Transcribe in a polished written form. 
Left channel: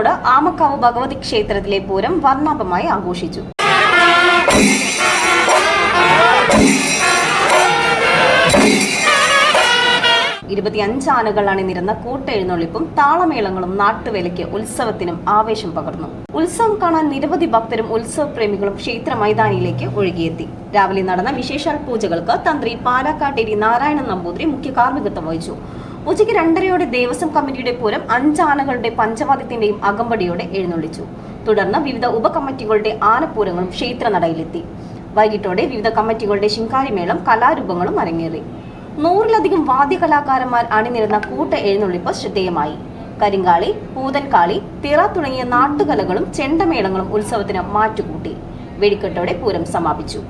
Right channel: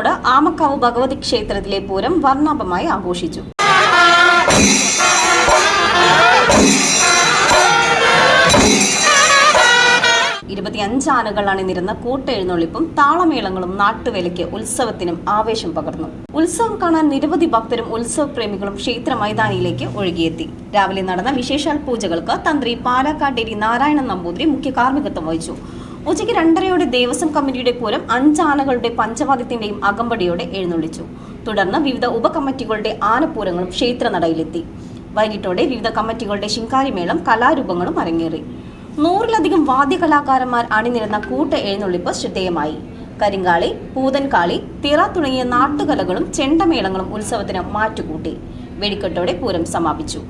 കോഴിക്കോട് ആമക്കാവ് ഭഗവതി ക്ഷേത്രത്തിലെ പൂരം വർണ്ണാഭമായി ആഘോഷിച്ചു. 25 ആനകൾ അണിനിരുന്ന കൂട്ടെഴുന്നള്ളിപ്പും താളമേളങ്ങളും നാട്ടുവേലയ്ക്ക് ഉത്സവത്തിനും ആവേശം പകർന്നു. ഉത്സവം കാണാൻ നിരവധി ഭക്തരും ഉത്സവ പ്രേമികളും ക്ഷേത്ര മൈതാനിയിലേക്ക് ഒഴുകിയെത്തി. രാവിലെ നടന്ന വിശേഷാൽ പൂജകൾക്ക് തന്ത്രി പാലാക്കാട്ടേരി നാരായണൻ നമ്പൂതിരി മുഖ്യ കാർമ്മികത്വം വഹിച്ചു. ഉച്ചയ്ക്ക് 2:30 ദേവസ്വം കമ്മിറ്റിയുടെ പൂരം 5 ആനകളുടെ പഞ്ചവാദ്യത്തിന്റെയും അകമ്പടിയോടെ എഴുന്നള്ളിച്ചു. തുടർന്ന് വിവിധ ഉപകമ്മിറ്റികളുടെ ആനപ്പൂരങ്ങളും ക്ഷേത്രനടയിലെത്തി. വൈകിട്ടോടെ വിവിധ കമ്മിറ്റികളുടെ ശിങ്കാരിമേളം കലാരൂപങ്ങളും അരങ്ങേറി. 100-ലധികം വാദ്യകലാകാരന്മാർ അണിനിരുന്ന കൂട്ട എഴുന്നള്ളിപ്പ് ശ്രദ്ധേയമായി. കരിങ്കാളി, പൂതൻകാളി, തിറ തുടങ്ങിയ നാട്ടുകലകളും ചെണ്ടമേളങ്ങളും ഉത്സവത്തിന് മാറ്റുകൂട്ടി. വെടിക്കെട്ടോടെ പൂരം സമാപിച്ചു.